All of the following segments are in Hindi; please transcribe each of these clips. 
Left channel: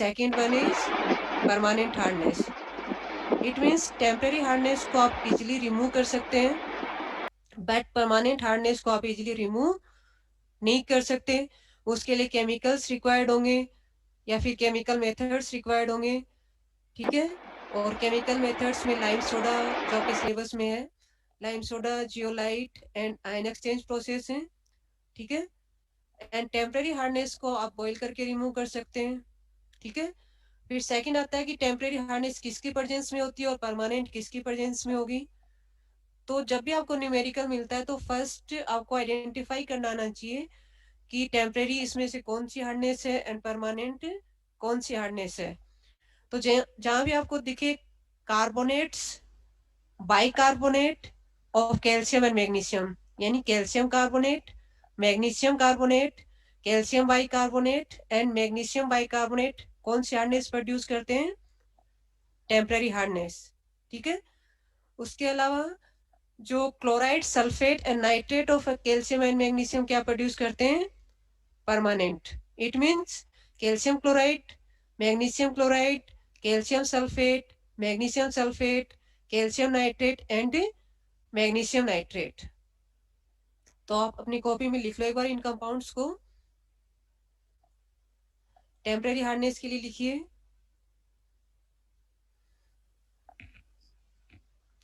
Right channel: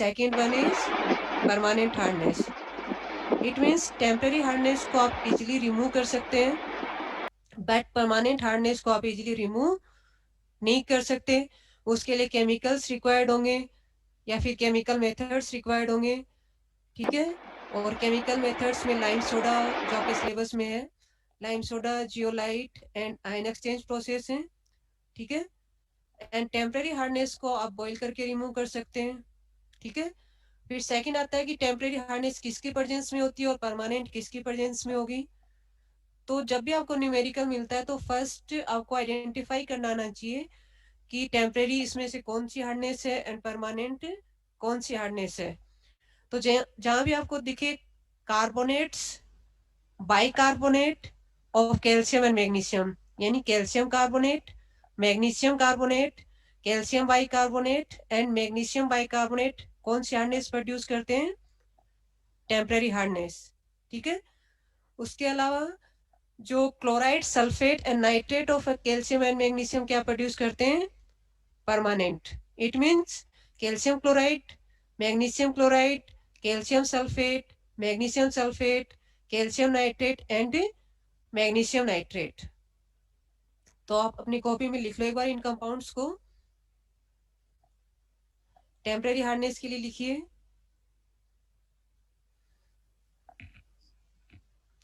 Second one is permanent hardness. It means temporary hardness को आप इजीली रिमूव कर सकते हैं, बट परमानेंट हार्डनेस को आप इजीली रिमूव नहीं कर सकते। उसके लिए केमिकल्स रिक्वायर्ड होंगे या फिर केमिकल मेथड्स रिक्वायर्ड होंगे, ठीक है। और केमिकल मेथड्स में लाइम सोडा जो आपके सिलेबस में है, lime soda, zeolite and ion exchange process है, ठीक है। एंड टेम्परेरी हार्डनेस को आप बॉईल करके रिमूव कर सकते हैं, ठीक है। फिर सेकंड आता है कि टेम्परेरी हार्डनेस किसकी प्रेजेंस में होती है और परमानेंट किसकी प्रेजेंस में होगी। तो जब भी आपको न्यूमेरिकल मिलता है तो फर्स्ट आपको आइडेंटिफाई करना आना चाहिए कि टेम्परेरी इसमें से कौन सी हार्डनेस है एंड परमानेंट कौन सी हार्डनेस है। तो जहां भी आपको दिखे carbonates, bicarbonate of calcium and magnesium, यानी calcium carbonate, magnesium carbonate, calcium bicarbonate and magnesium bicarbonate कौन सी हार्डनेस प्रोड्यूस करते हैं, टेम्परेरी हार्डनेस, ठीक है। उसके अलावा जो chloride, sulphate and nitrate of calcium and magnesium क्या प्रोड्यूस करते हैं, permanent. It means calcium chloride, magnesium chloride, calcium sulphate, magnesium sulphate, calcium nitrate and magnesium nitrate. तो आप अपनी कॉपी में लिख लो एक बार इन कंपाउंड्स को। टेम्परेरी हार्डनेस के लिए लिखिए,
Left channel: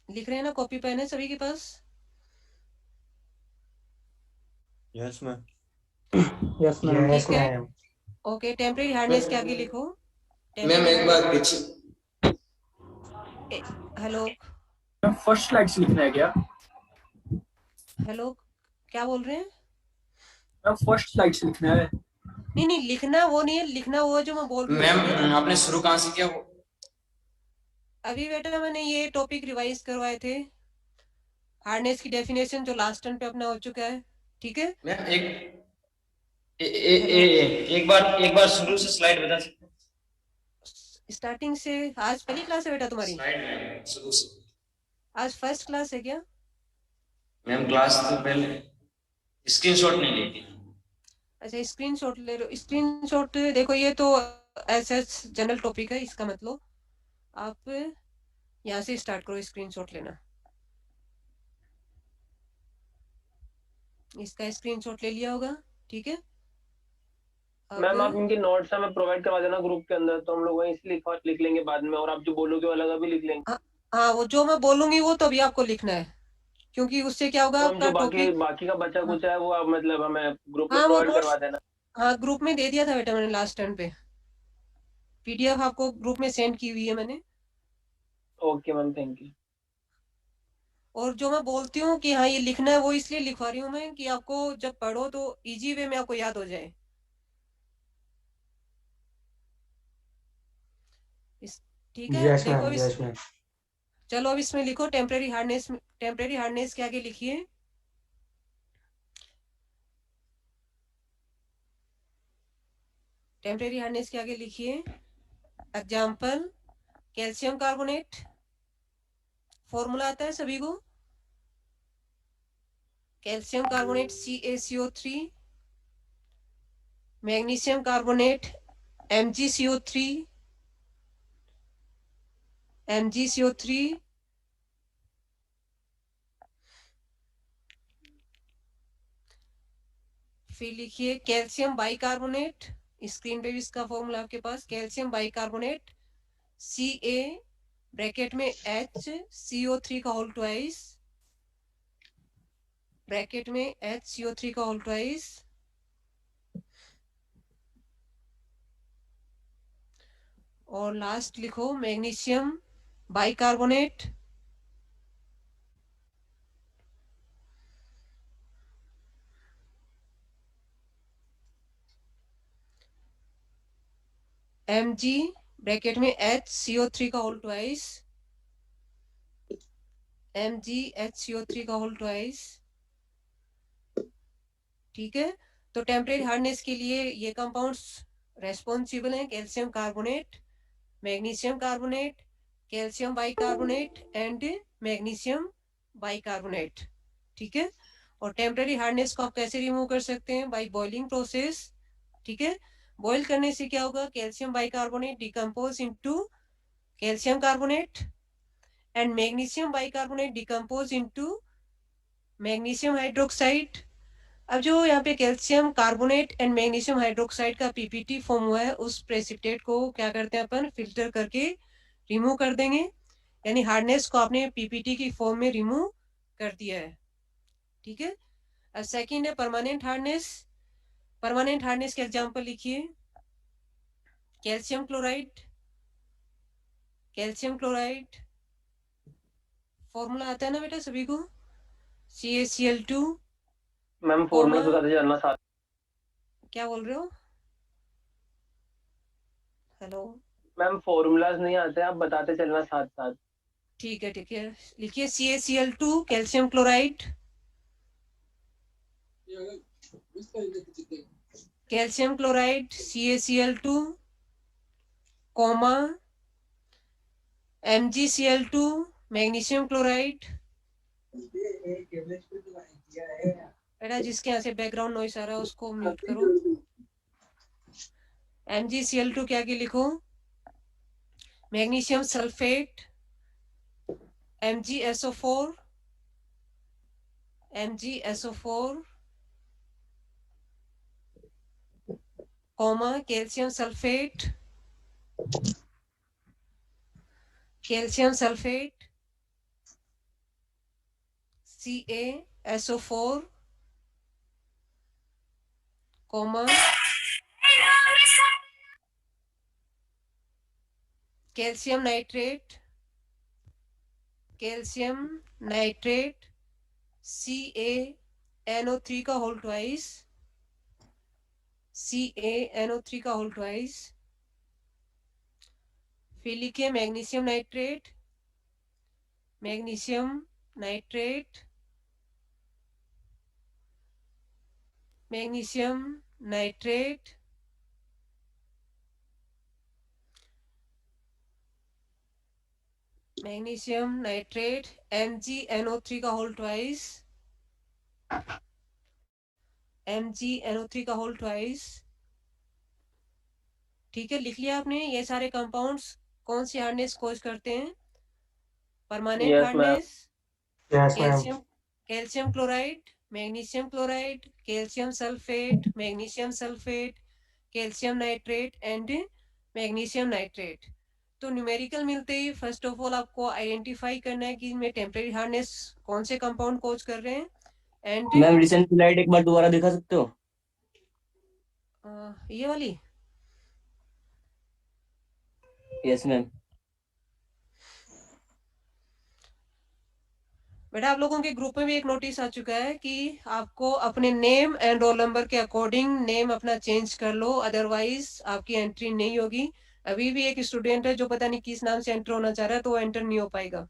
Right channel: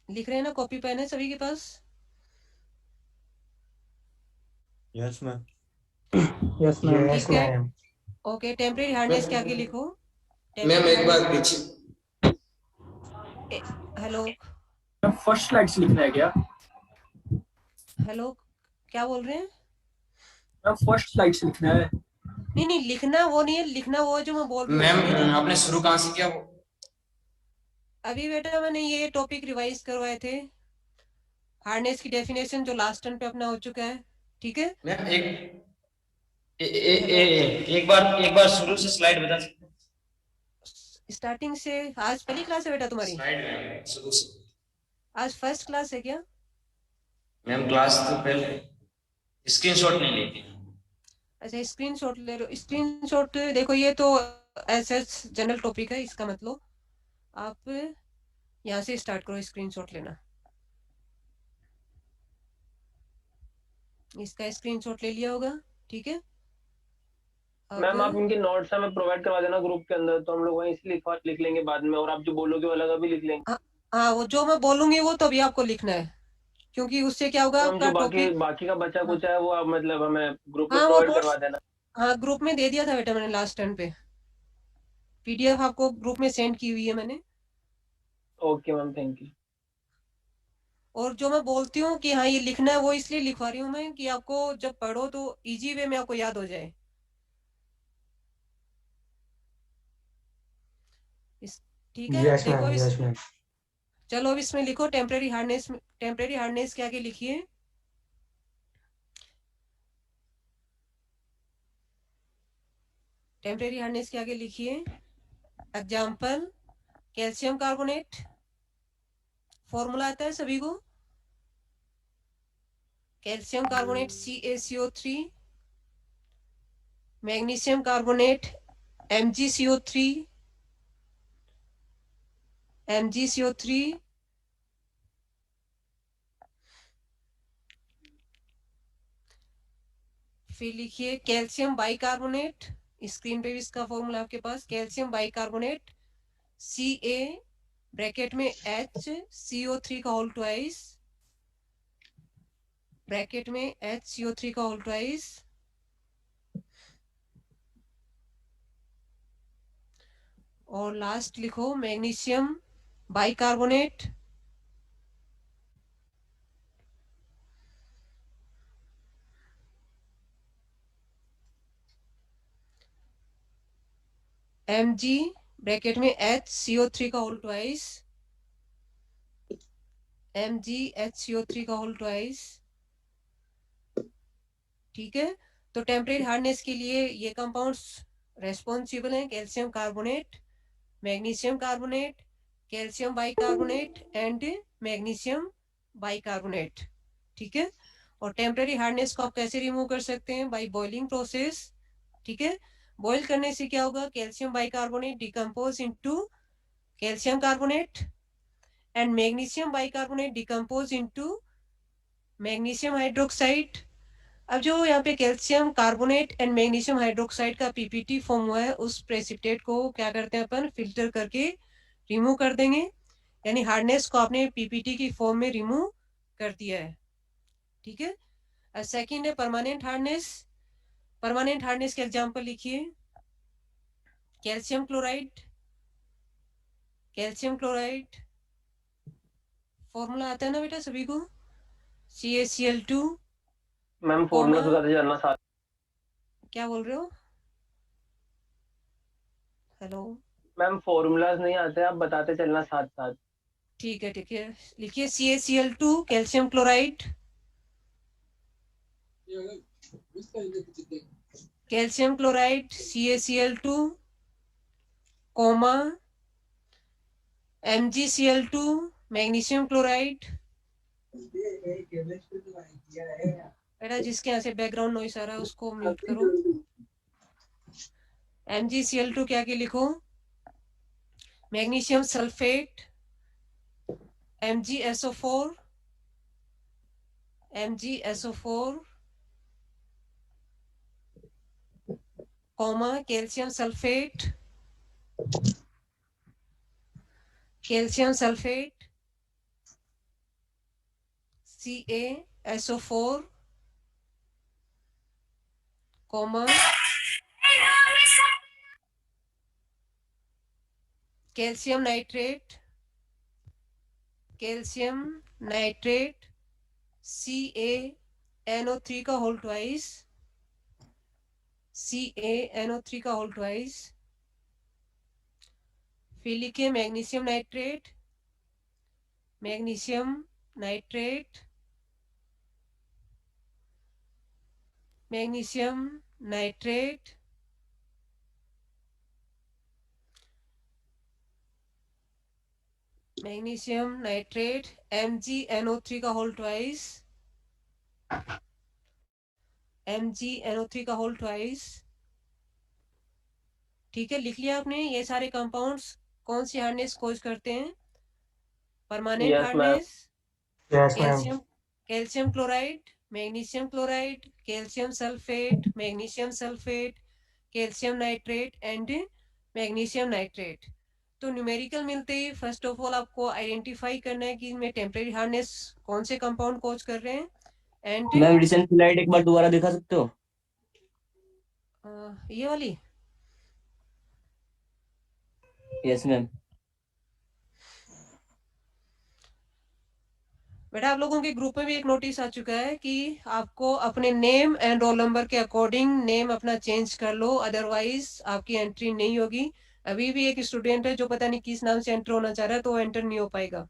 लिख रहे हैं ना, कॉपी पेन है सभी के पास? Yes ma'am. Yes ma'am. ठीक है, ओके। टेम्परेरी हार्डनेस के आगे लिखो। मैम टेम्परेरी एक बार हार्डनेस, पीछे। हेलो फर्स्ट स्लाइड से लिखना है क्या? हेलो, क्या बोल रहे हैं? फर्स्ट स्लाइड से लिखना है। नहीं नहीं, लिखना वो नहीं है, लिखना वो जो मैं बोल रही हूँ मैम उसमें ना। आपने शुरू कहाँ से किया वो? अभी बेटा मैंने ये टॉपिक रिवाइज करवाए थे, हार्डनेस की डेफिनेशन जो लास्ट टर्न पे अपना हो चुका है, ठीक है। मैम हेलो, एक बार शुरू से स्लाइड बता सकते हैं? स्टार्टिंग से। आज पहली क्लास है बेटा तुम्हारी? स्लाइड मैम शुरू से। आज फर्स्ट क्लास है क्या? मैम क्लास तो पहले स्क्रीनशॉट नहीं ली थी। अच्छा, स्क्रीनशॉट ले लो। स्क्रीनशॉट देखो, ये तो ऐसा जनरल टॉपिक है, इसका मतलब आप यहाँ से स्टार्ट करो स्क्रीनशॉट लेना। इसका स्क्रीनशॉट ले लिया होगा, ठीक है। अब मैम आप इनके नोट्स हमें प्रोवाइड करवा देना ग्रुप के अंदर, तो हम लोग वहीं से लिख लेंगे बाद में, और आप जो बोलोगे वो अलग अभी लिख लेंगे। हाँ हाँ, वो जो मैं बोलूंगी वो तो अभी आपको लिखना है, क्योंकि उससे क्या होगा तो हम आपका जो बाकी टॉपिक। बाकी का बचा हाँ कुछ है वो आप मतलब हमें ग्रुप में हाँ, वो प्रोवाइड करवा नोट्स, देना। हाँ ग्रुप में दे दिया था बेटा मैंने लास्ट टाइम पे, पीडीएफ आपको ग्रुप में सेंड की हुई है मैंने। Okay ma'am, thank you. और जो मैं बोलती हूँ कि हाँ ये लिखना है, वो इसलिए लिखवा रही हूँ मैं कि आपको जब पढ़ो तो इजी वे में आपको याद हो जाए। इस ठीक है, यस देखो मैम, अब यस मैम। चलो अब इसमें लिखो टेम्परेरी हार्डनेस। टेम्परेरी हार्डनेस के आगे लिखिए, टेम्परेरी हार्डनेस के आगे लिखिए एग्जाम्पल कैल्शियम कार्बोनेट। फॉर्मूला आता है सभी को, calcium carbonate CaCO3, magnesium carbonate MgCO3, MgCO3, फिर लिखिए कैल्शियम बाइकार्बोनेट। स्क्रीन पे भी इसका फॉर्मूला आपके पास, कैल्शियम बाइकार्बोनेट Ca ब्रैकेट में HCO3 का होल ट्वाइस, ब्रैकेट में HCO3 का होल ट्वाइस। और लास्ट लिखो मैग्नीशियम बाइकार्बोनेट Mg ब्रैकेट में HCO3 का होल ट्वाइस, MgHCO3 का होल ट्वाइस, ठीक है। तो टेम्परेरी हार्डनेस के लिए ये कंपाउंड्स रेस्पॉन्सिबल हैं, calcium carbonate, magnesium carbonate, calcium bicarbonate and magnesium bicarbonate, ठीक है। और टेम्परेरी हार्डनेस को आप कैसे रिमूव कर सकते हैं, बाय बॉइलिंग प्रोसेस, ठीक है। बॉईल करने से क्या होगा, calcium bicarbonate decompose into calcium carbonate and magnesium bicarbonate decompose into magnesium hydroxide. अब जो यहाँ पे calcium carbonate and magnesium hydroxide का पीपीटी फॉर्म हुआ है, उस प्रेसिपिटेट को क्या करते हैं अपन, फिल्टर करके रिमूव कर देंगे, यानी हार्डनेस को आपने पीपीटी की फॉर्म में रिमूव कर दिया है। ठीक है। और सेकंड है परमानेंट हार्डनेस। परमानेंट हार्डनेस के एग्जांपल लिखिए, calcium chloride. Calcium chloride formula आता है ना बेटा सभी को, CaCl2। मैम फॉर्मूला बताते जाना साथ। क्या बोल रहे हो, हेलो? मैम फॉर्मूलाज नहीं आते, आप बताते चलना साथ साथ। ठीक है ठीक है, लिखिए CaCl2 calcium chloride, calcium chloride CaCl2 comma MgCl2 magnesium chloride. बेटा जिसके यहाँ से बैकग्राउंड नॉइस आ रहा है उसको म्यूट करो। MgCl2 क्या की लिखो, magnesium sulphate MgSO4 comma calcium sulphate CaSO4 comma calcium nitrate CaNO3 का होल ट्वाइस फिर लिखिए magnesium nitrate magnesium nitrate MgNO3 का होल ट्वाइस। ठीक है, लिख लिया आपने ये सारे कंपाउंड्स कौन सी हार्डनेस कोज करते हैं, permanent Yes, hardness. Yes, ma'am. Calcium chloride, magnesium chloride, calcium sulphate, magnesium sulphate, calcium nitrate and magnesium nitrate. तो न्यूमेरिकल मिलते ही फर्स्ट ऑफ ऑल आपको आइडेंटिफाई करना है कि इनमें टेम्परेरी हार्डनेस कौन से कंपाउंड कोज कर रहे हैं। एंड मैम रिसेंट स्लाइड एक बार दोबारा दिखा सकते हो? ये वाली। Yes ma'am. बेटा आप लोगों के ग्रुप में भी एक नोटिस आ चुका है कि आपको अपने नेम एंड रोल नंबर के अकॉर्डिंग नेम अपना चेंज कर लो, अदरवाइज आपकी एंट्री नहीं होगी। अभी भी एक स्टूडेंट है जो पता नहीं किस नाम से एंटर होना चाह रहा है, तो वो एंटर नहीं हो पाएगा।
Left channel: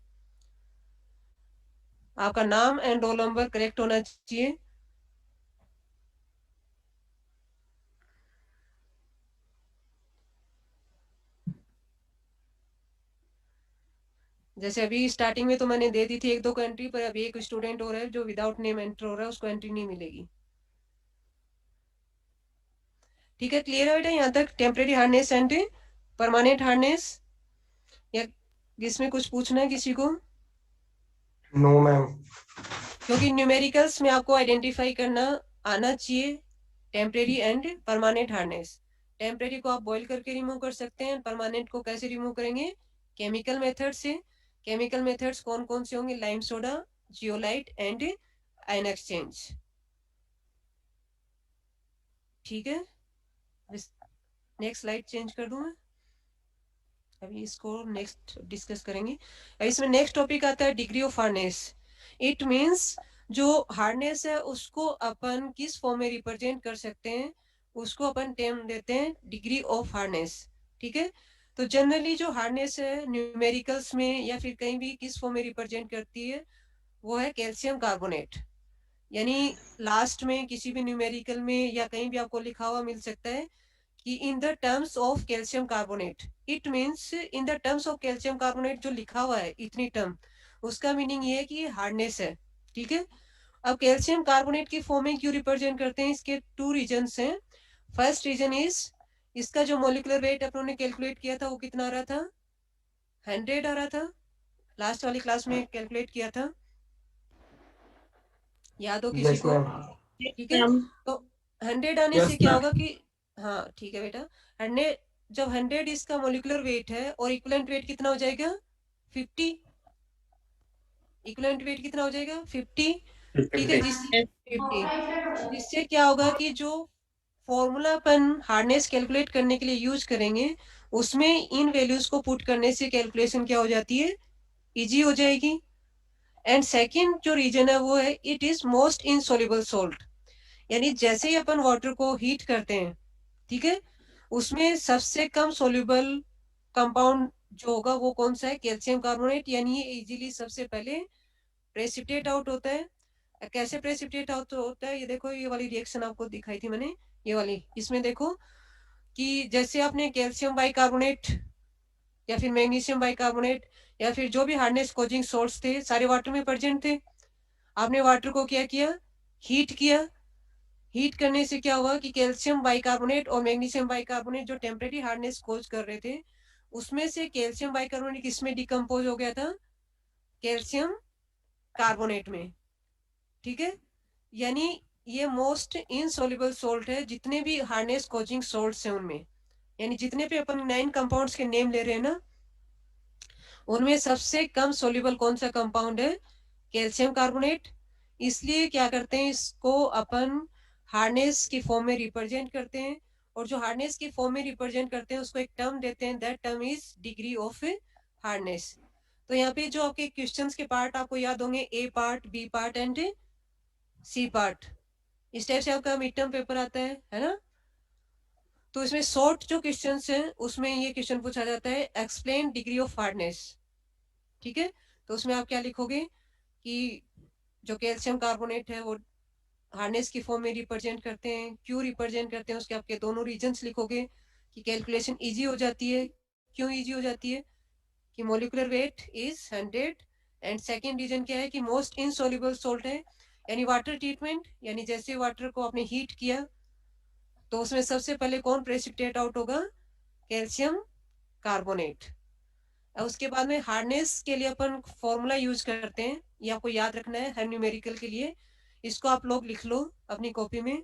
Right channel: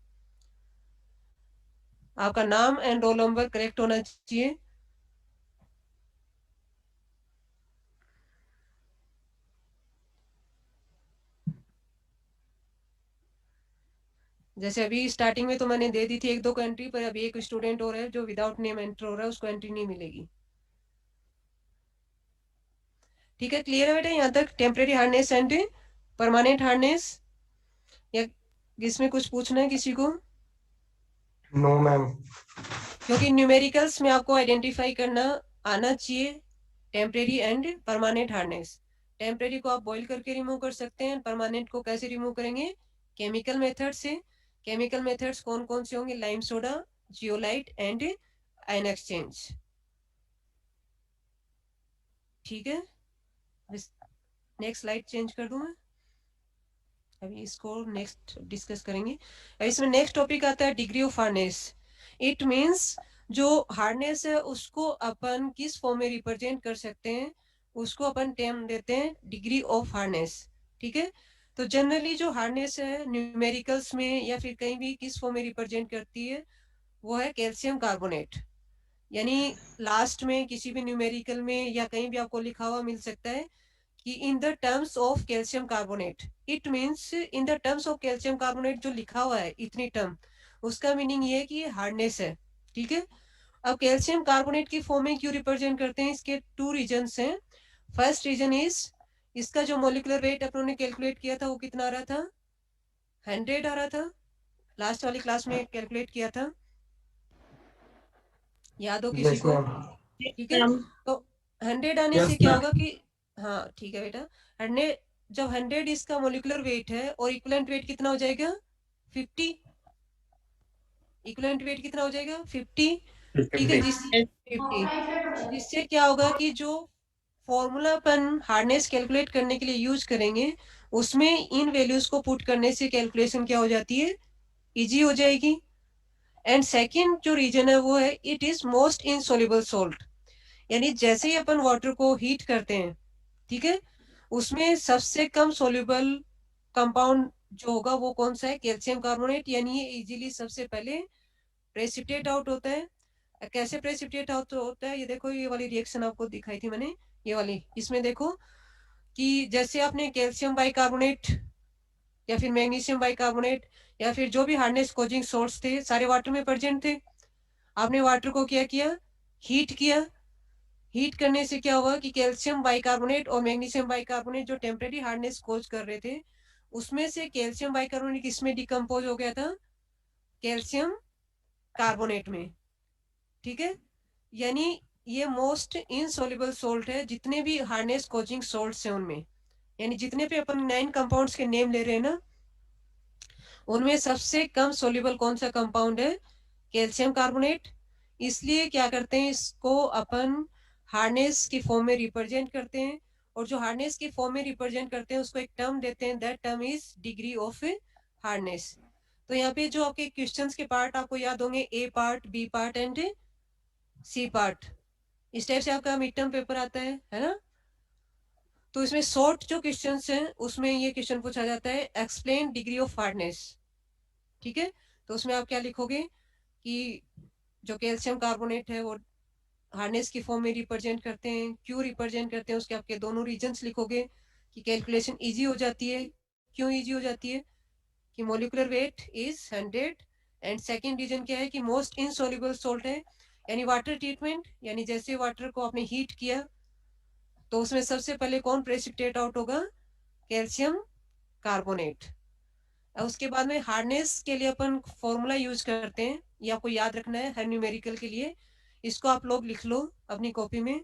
आपका नाम एंड रोल नंबर करेक्ट होना चाहिए। जैसे अभी स्टार्टिंग में तो मैंने दे दी थी एक दो को एंट्री, पर अभी एक स्टूडेंट और है जो विदाउट नेम एंटर हो रहा है, उसको एंट्री नहीं मिलेगी। ठीक है, क्लियर है बेटा यहाँ तक temporary hardness and permanent hardness? या इसमें कुछ पूछना है किसी को? No, ma'am. क्योंकि न्यूमेरिकल्स में आपको आइडेंटिफाई करना आना चाहिए temporary and permanent hardness. Temporary को आप बॉईल करके रिमूव कर सकते हैं, परमानेंट को कैसे रिमूव करेंगे, केमिकल मेथड से। केमिकल मेथड्स कौन कौन से होंगे, lime soda, zeolite and ion exchange. ठीक है, नेक्स्ट स्लाइड चेंज कर दूं मैं, अभी इसको नेक्स्ट डिस्कस करेंगे। इसमें नेक्स्ट टॉपिक आता है degree of hardness. It means जो हार्डनेस है उसको अपन किस फॉर्म में रिप्रेजेंट कर सकते हैं, उसको अपन टर्म देते हैं डिग्री ऑफ हार्डनेस। ठीक है, तो जनरली जो हार्डनेस है न्यूमेरिकल्स में या फिर कहीं भी किस फॉर्म में रिप्रेजेंट करती है, वो है कैल्शियम कार्बोनेट। यानी लास्ट में किसी भी न्यूमेरिकल में या कहीं भी आपको लिखा हुआ मिल सकता है कि in the terms of calcium carbonate. It means in the terms of calcium carbonate जो लिखा हुआ है इतनी टर्म, उसका मीनिंग ये है कि ये हार्डनेस है। ठीक है, अब कैल्शियम कार्बोनेट की फॉर्म में क्यों रिप्रेजेंट करते हैं, इसके टू रीजंस हैं। फर्स्ट रीजन इज इसका जो मोलिकुलर वेट अपन ने कैलकुलेट किया था वो कितना आ रहा था, 100 आ रहा था, लास्ट वाली क्लास में कैलकुलेट किया था, याद हो किसी Yes, को? ma'am. ठीक है, तो 100 आने Yes, से क्या ma'am. होगा कि, हाँ ठीक है बेटा, 100 जब 100 इसका मोलिकुलर वेट है और इक्विवेलेंट वेट कितना हो जाएगा 50, इक्विवेलेंट वेट कितना हो जाएगा 50। ठीक है, 50। 50, जिससे क्या होगा कि जो फॉर्मूला अपन हार्डनेस कैलकुलेट करने के लिए यूज करेंगे उसमें इन वैल्यूज को पुट करने से कैलकुलेशन क्या हो जाती है, इजी हो जाएगी। एंड सेकंड जो रीजन है वो है it is most insoluble salt, यानी जैसे ही अपन वाटर को हीट करते हैं, ठीक है, उसमें सबसे कम सोल्यूबल कंपाउंड जो होगा वो कौन सा है, कैल्शियम कार्बोनेट, यानी ये इजीली सबसे पहले प्रेसिपिटेट आउट होता है। कैसे प्रेसिपिटेट आउट होता है, ये देखो, ये वाली रिएक्शन आपको दिखाई थी मैंने, ये वाली, इसमें देखो कि जैसे आपने कैल्शियम बाइकार्बोनेट या फिर मैग्नीशियम बाइकार्बोनेट या फिर जो भी हार्डनेस कोजिंग सॉल्ट्स थे सारे वाटर में प्रेजेंट थे, आपने वाटर को क्या किया, हीट किया, हीट करने से क्या हुआ कि कैल्शियम बाइकार्बोनेट और मैग्नीशियम बाइकार्बोनेट जो टेम्परेरी हार्डनेस कोज कर रहे थे उसमें से कैल्शियम बाइकार्बोनेट किसमें डिकम्पोज हो गया था, कैल्शियम कार्बोनेट में। ठीक है, यानी ये मोस्ट इनसॉल्युबल सॉल्ट है जितने भी हार्डनेस कोजिंग सॉल्ट्स हैं उनमें, यानी जितने भी अपन 9 कंपाउंड्स के नेम ले रहे हैं ना उनमें सबसे कम सोल्यूबल कौन सा कंपाउंड है, कैल्शियम कार्बोनेट। इसलिए क्या करते हैं, इसको अपन हार्डनेस की फॉर्म में रिप्रेजेंट करते हैं, और जो हार्डनेस की फॉर्म में रिप्रेजेंट करते हैं उसको एक टर्म देते हैं, that term is degree of hardness. तो यहाँ पे जो आपके क्वेश्चंस के पार्ट आपको याद होंगे, A part, B part and C part, इस टाइप से आपका मिड टर्म पेपर आता है ना। तो इसमें शॉर्ट जो क्वेश्चंस हैं उसमें ये क्वेश्चन पूछा जाता है, एक्सप्लेन डिग्री ऑफ हार्डनेस। ठीक है, तो उसमें आप क्या लिखोगे कि जो कैल्शियम कार्बोनेट है वो हार्डनेस की फॉर्म में रिप्रेजेंट करते हैं, क्यों रिप्रेजेंट करते हैं उसके आपके दोनों रीजंस लिखोगे कि कैलकुलेशन इजी हो जाती है, क्यों इजी हो जाती है कि molecular weight is 100, and second reason क्या है कि मोस्ट इनसॉल्युबल सॉल्ट है, यानी वाटर ट्रीटमेंट, यानी जैसे वाटर को आपने हीट किया तो उसमें सबसे पहले कौन प्रेसिपिटेट आउट होगा, कैल्शियम कार्बोनेट। और उसके बाद में हार्डनेस के लिए अपन फॉर्मूला यूज करते हैं, ये आपको याद रखना है हर न्यूमेरिकल के लिए, इसको आप लोग लिख लो अपनी कॉपी में।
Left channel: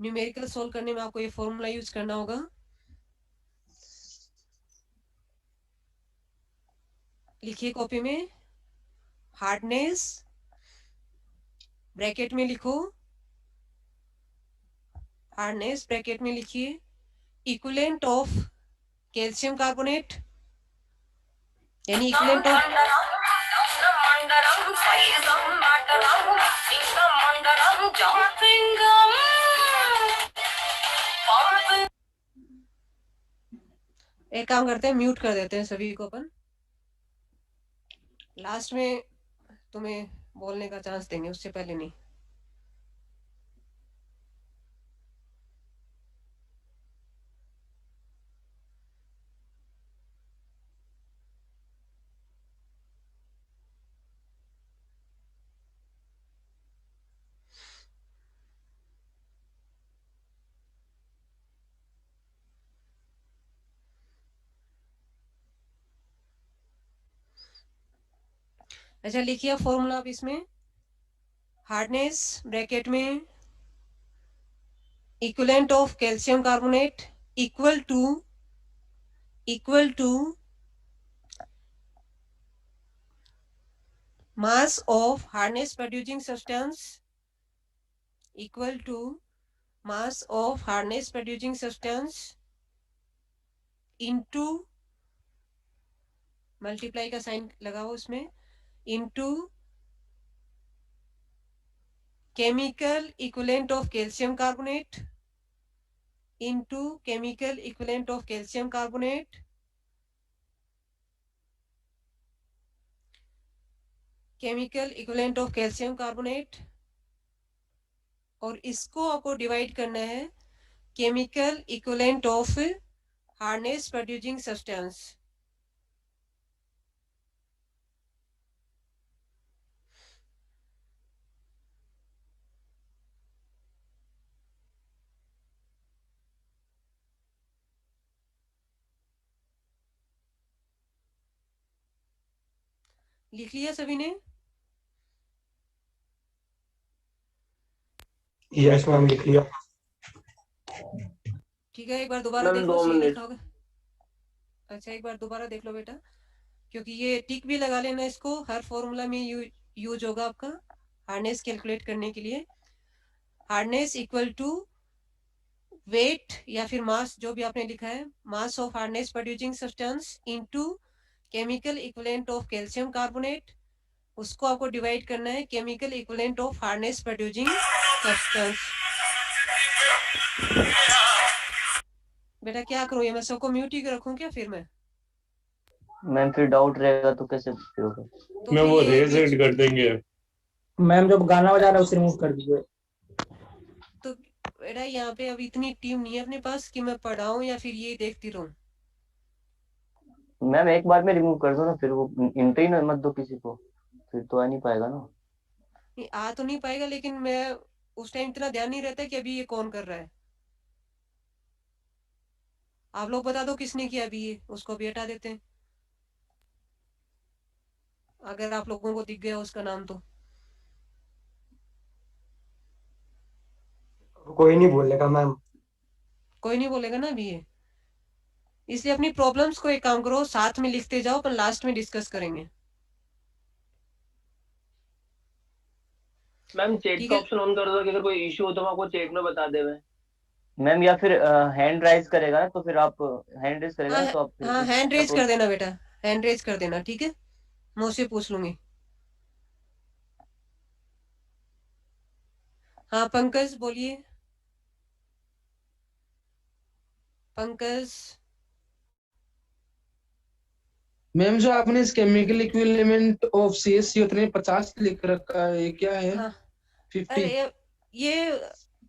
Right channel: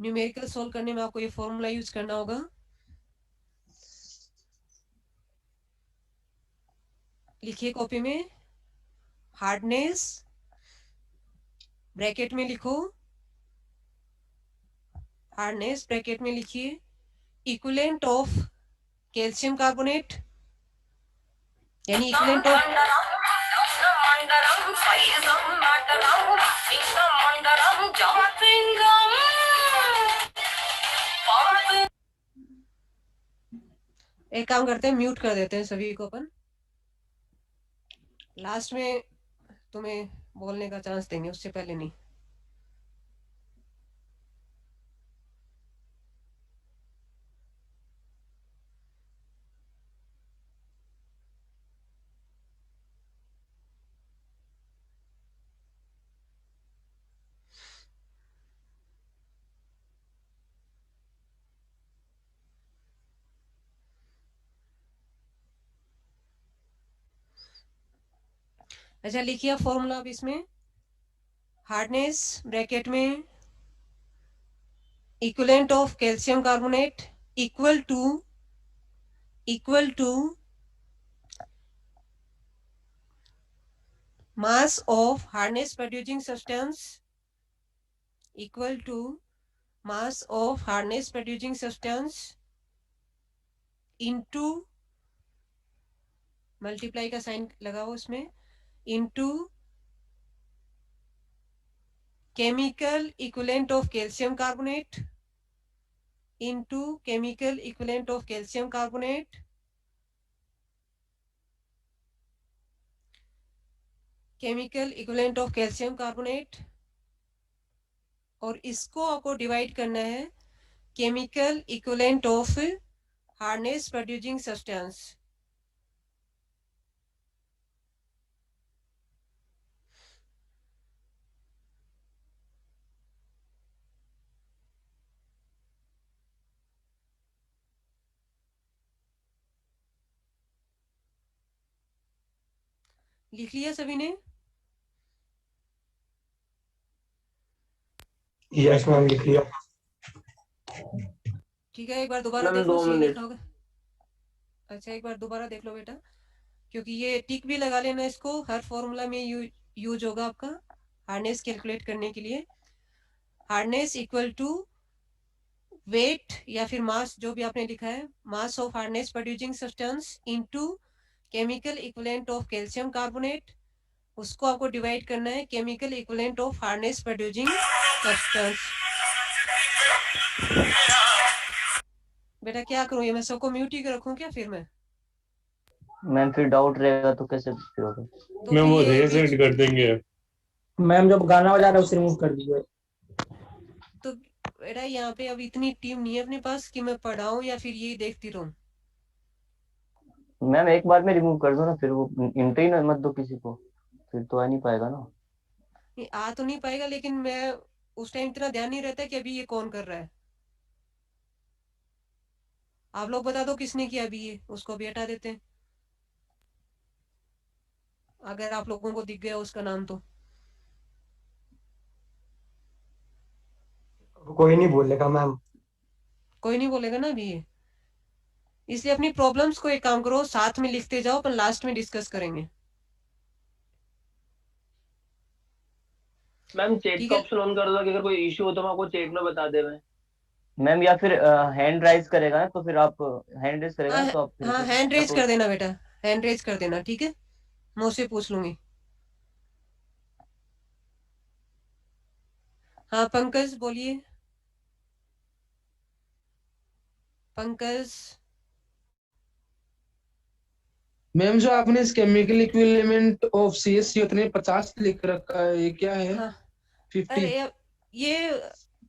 न्यूमेरिकल सोल्व करने में आपको ये फॉर्मूला यूज करना होगा, लिखिए कॉपी में, हार्डनेस ब्रैकेट में लिखो, हार्डनेस ब्रैकेट में लिखिए इक्विवेलेंट ऑफ कैल्शियम कार्बोनेट, यानी इक्विवेलेंट ऑफ, एक काम करते हैं म्यूट कर देते हैं सभी को अपन, लास्ट में तुम्हें बोलने का चांस देंगे, उससे पहले नहीं। अच्छा लिखिए फॉर्मूला अब इसमें, हार्डनेस ब्रैकेट में equivalent of calcium carbonate equal to mass of hardness producing substance, equal to mass of hardness producing substance into, multiply का साइन लगाओ उसमें, into chemical equivalent of calcium carbonate, into chemical equivalent of calcium carbonate, chemical equivalent of calcium carbonate, और इसको आपको डिवाइड करना है chemical equivalent of hardness producing substance. लिख लिया सभी ने? यस मैम, लिख लिया। ठीक है, एक बार दोबारा मैम देख लो, 2 सही मिनट। लिखा होगा। अच्छा, एक बार दोबारा देख लो बेटा, क्योंकि ये टिक भी लगा लेना, इसको हर फॉर्मूला में यूज होगा आपका हार्डनेस कैलकुलेट करने के लिए। हार्डनेस इक्वल टू वेट या फिर मास, जो भी आपने लिखा है, mass of hardness producing substance into chemical equivalent of calcium carbonate, उसको आपको डिवाइड करना है chemical equivalent of hardness producing substance. बेटा क्या करूं, ये मैं सबको म्यूट ही रखूं क्या फिर मैं? मैम फिर डाउट रहेगा तो कैसे फिर होगा? तो मैम फिर वो ये रेज बीच, ऐड कर देंगे। मैम जो गाना बजा रहा है उसे रिमूव कर दीजिए। तो बेटा यहाँ पे अब इतनी टीम नहीं है अपने पास कि मैं पढ़ाऊं या फिर ये देखती रहूं। मैम एक बार में रिमूव कर दो ना, फिर वो एंट्री ना मत दो किसी को, फिर तो आ नहीं पाएगा ना। नहीं, आ तो नहीं पाएगा, लेकिन मैं उस टाइम इतना ध्यान नहीं रहता कि अभी ये कौन कर रहा है। आप लोग बता दो किसने किया अभी, ये उसको भी हटा देते हैं अगर आप लोगों को दिख गया उसका नाम तो। कोई नहीं बोलेगा मैम। कोई नहीं बोलेगा ना अभी ये, इसलिए अपनी प्रॉब्लम्स को एक काम करो, साथ में लिखते जाओ, पर लास्ट में डिस्कस करेंगे। मैम चैट ठीक का है, ऑप्शन ऑन कर दो कि अगर कोई इशू हो तो हम आपको चैट में बता दे। मैम या फिर हैंड राइज करेगा ना, तो फिर आप हैंड रेज करेगा हाँ ना, तो आप फिर हाँ, हैंड रेज अप्रोच। कर देना बेटा, हैंड रेज कर देना, ठीक है, मैं उससे पूछ लूंगी। हाँ पंकज बोलिए, पंकज। मैम जो आपने इस केमिकल इक्विवेलेंट ऑफ CaCO उतने 50 लिख रखा है, ये क्या है? हाँ 50? अरे ये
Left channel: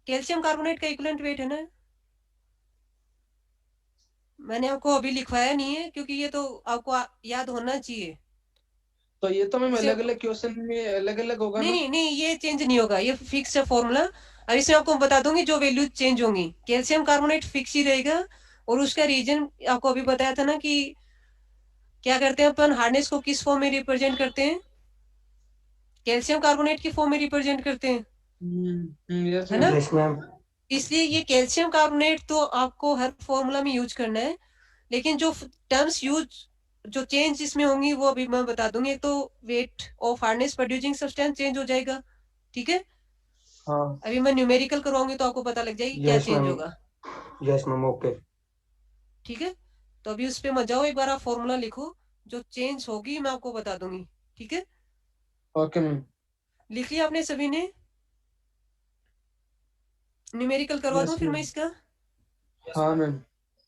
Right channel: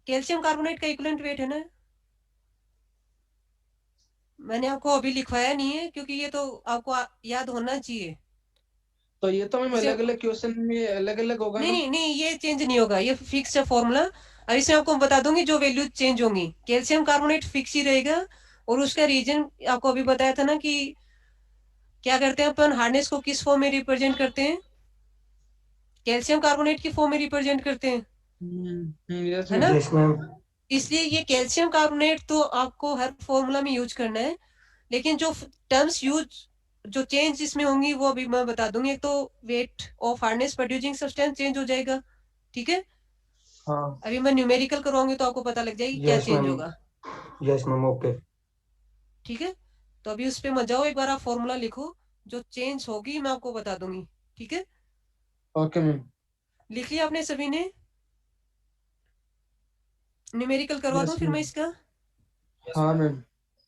कैल्शियम कार्बोनेट का इक्विवेलेंट वेट है ना, मैंने आपको अभी लिखवाया नहीं है क्योंकि ये तो आपको याद होना चाहिए। तो ये तो मैम इसे अलग अलग क्वेश्चन में अलग अलग होगा नहीं ना? नहीं नहीं, ये चेंज नहीं होगा, ये फिक्स है फॉर्मूला। और इसमें आपको बता दूंगी जो वैल्यू चेंज होंगी, कैल्शियम कार्बोनेट फिक्स ही रहेगा। और उसका रीजन आपको अभी बताया था ना कि क्या करते हैं अपन, हार्डनेस को किस फॉर्म में रिप्रेजेंट करते हैं, कैल्शियम कार्बोनेट की फॉर्म में रिप्रेजेंट करते हैं, यस है मैम। ना? Yes ma'am. इसलिए ये कैल्शियम कार्बोनेट तो आपको हर फॉर्मूला में यूज करना है, लेकिन जो टर्म्स यूज, जो चेंज इसमें होंगी वो अभी मैं बता दूंगी। एक तो weight of hardness producing substance change हो जाएगा, ठीक है। हाँ अभी मैं न्यूमेरिकल करवाऊंगी तो आपको पता लग जाएगी क्या यस चेंज मैम। होगा, यस मैम, ओके। ठीक है। तो अभी उस पे मत जाओ, एक बार आप फॉर्मूला लिखो, जो चेंज होगी मैं आपको बता दूंगी, ठीक है। Okay ma'am. लिख लिया आपने सभी ने? न्यूमेरिकल करवा दूं यस फिर मैम। मैं इसका? हाँ मैम।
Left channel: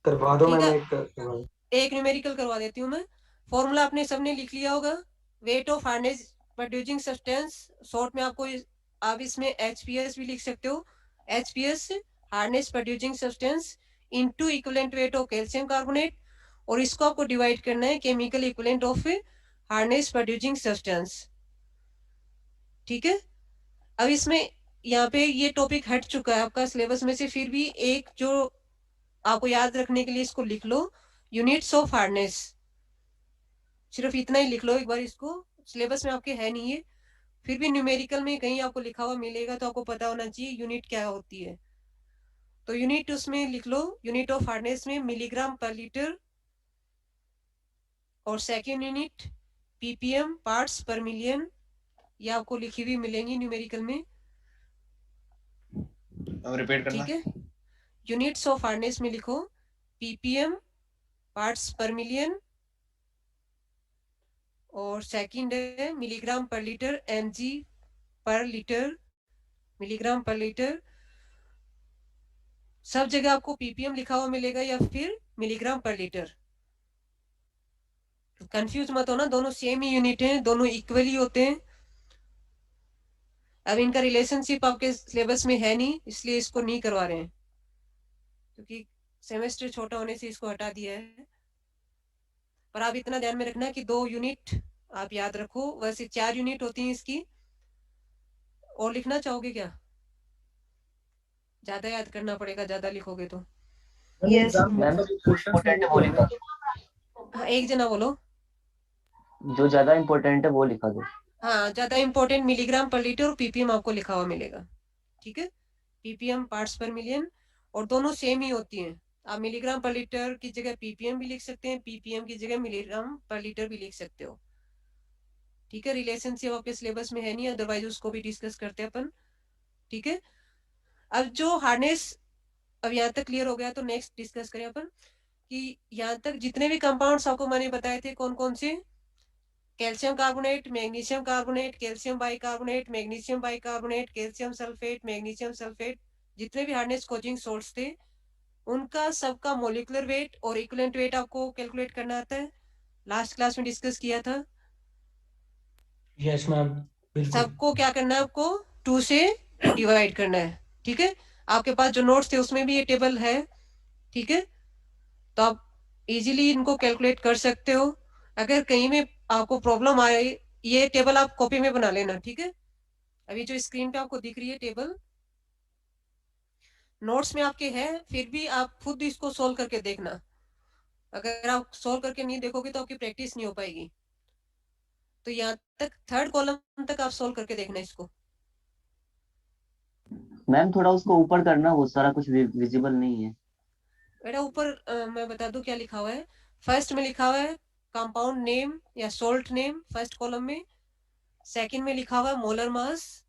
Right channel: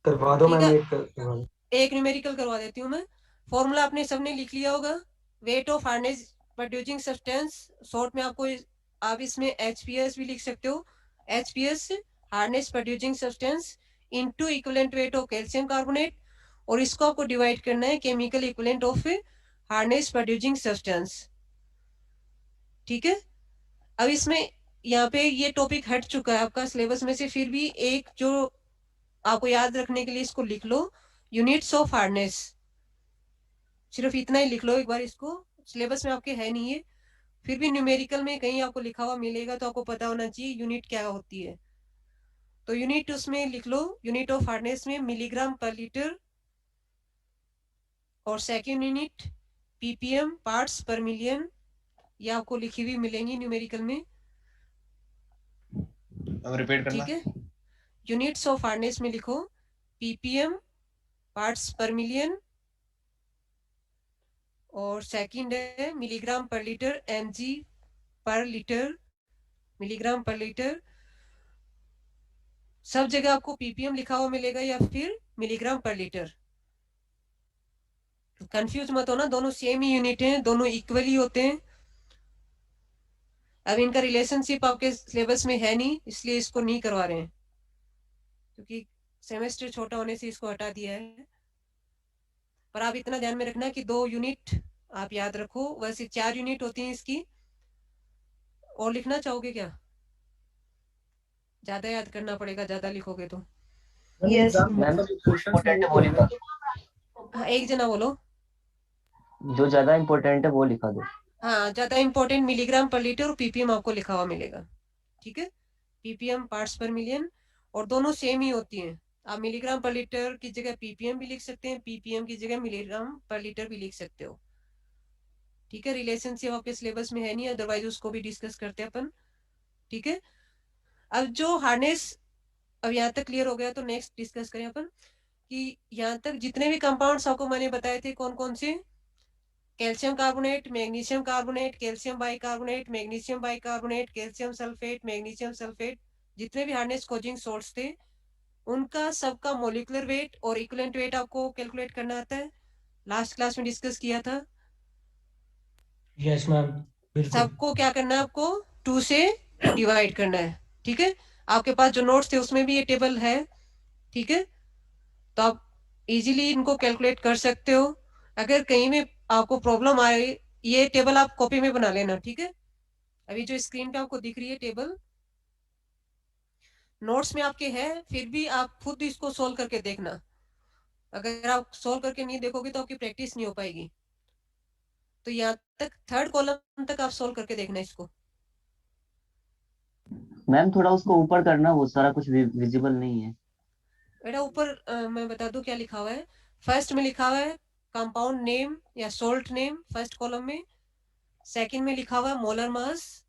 करवा दो ठीक मैम, है, एक करवा दो। एक न्यूमेरिकल करवा देती हूँ मैं। फॉर्मूला आपने सबने लिख लिया होगा, weight of hardness producing substance, short में आपको आप इसमें HPS भी लिख सकते हो। HPS hardness producing substance into equivalent weight of calcium carbonate, और इसको आपको डिवाइड करना है chemical equivalent of hardness producing substance, ठीक है। अब इसमें यहाँ पे ये टॉपिक हट चुका है आपका सिलेबस में से, फिर भी एक जो आपको याद रखने के लिए इसको लिख लो, यूनिट्स ऑफ हार्डनेस, सिर्फ इतना ही लिख लो एक बार इसको, सिलेबस में आपके है नहीं है, फिर भी न्यूमेरिकल में कहीं आपको लिखा हुआ मिलेगा तो आपको पता होना चाहिए यूनिट क्या होती है। तो यूनिट उसमें लिख लो, यूनिट ऑफ हार्डनेस में मिलीग्राम पर लीटर, और सेकेंड यूनिट ppm पार्ट्स पर मिलियन, ये आपको लिखी हुई मिलेंगी न्यूमेरिकल में, अब रिपीट करना। ठीक है। यूनिट्स ऑफ हार्डनेस में लिखो ppm पार्ट्स पर मिलियन, और सेकंड है मिलीग्राम पर लीटर, mg पर लीटर, मिलीग्राम पर लीटर। सब जगह आपको ppm लिखा हुआ मिलेगा या फिर मिलीग्राम पर लीटर, कंफ्यूज मत होना, दोनों सेम ही यूनिट हैं, दोनों इक्वली होते हैं। अब इनका रिलेशनशिप आपके सिलेबस में है नहीं, इसलिए इसको नहीं करवा रहे हैं, क्योंकि सेमेस्टर छोटा होने से इसको हटा दिया है। पर आप इतना ध्यान में रखना कि 2 यूनिट आप याद रखो, वैसे 4 यूनिट होती हैं इसकी। और लिखना चाहोगे क्या? ज्यादा याद करना पड़ेगा, ज्यादा लिखोगे तो। मैम इम्पोर्टेंट बोली था। हाँ, एक जना बोलो। जो ज्यादा इम्पोर्टेंट है वो लिखा दो। हाँ, ज्यादा इंपॉर्टेंट मिलीग्राम पर लीटर और पीपीएम आपको लिखा हुआ मिलेगा। ठीक है, पीपीएम पार्ट्स पर मिलियन, और दोनों सेम ही होती हैं। आप मिलीग्राम पर लीटर की जगह पीपीएम भी लिख सकते हैं, पीपीएम की जगह मिलीग्राम पर लीटर भी लिख सकते हो। ठीक है, रिलेशनशिप आपके सिलेबस में है नहीं, अदरवाइज उसको भी डिस्कस करते हैं अपन। ठीक है, अब जो हार्नेस, अब यहाँ तक क्लियर हो गया, तो नेक्स्ट डिस्कस करें अपन कि यहाँ तक जितने भी कंपाउंड्स आपको मैंने बताए थे कौन कौन से, calcium carbonate, magnesium carbonate, calcium bicarbonate, magnesium bicarbonate, calcium sulphate, magnesium sulphate, जितने भी हार्नेस कोजिंग सोर्स थे उनका सबका मोलिकुलर वेट और इक्विवेलेंट वेट आपको कैलकुलेट करना आता है। लास्ट क्लास में डिस्कस किया था। यस मैम, बिल्कुल। सबको क्या करना है, आपको 2 से डिवाइड करना है। ठीक है, आपके पास जो नोट्स थे उसमें भी ये टेबल है। ठीक है, तो आप इजीली इनको कैलकुलेट कर सकते हो। अगर कहीं में आपको प्रॉब्लम आए, ये टेबल आप कॉपी में बना लेना। ठीक है, अभी जो स्क्रीन पे आपको दिख रही है टेबल, नोट्स में आपके है, फिर भी आप खुद इसको सोल्व करके देखना। अगर आप सोल्व करके नहीं देखोगे तो आपकी प्रैक्टिस नहीं हो पाएगी। तो यहाँ तक थर्ड कॉलम तक आप सोल्व करके देखना इसको। मैम थोड़ा उसको ऊपर करना, वो सारा कुछ विजिबल नहीं है। बेटा ऊपर मैं बता दूं क्या लिखा हुआ है। फर्स्ट में लिखा हुआ है कंपाउंड नेम या सोल्ट नेम फर्स्ट कॉलम में, सेकंड में लिखा हुआ है मोलर मास,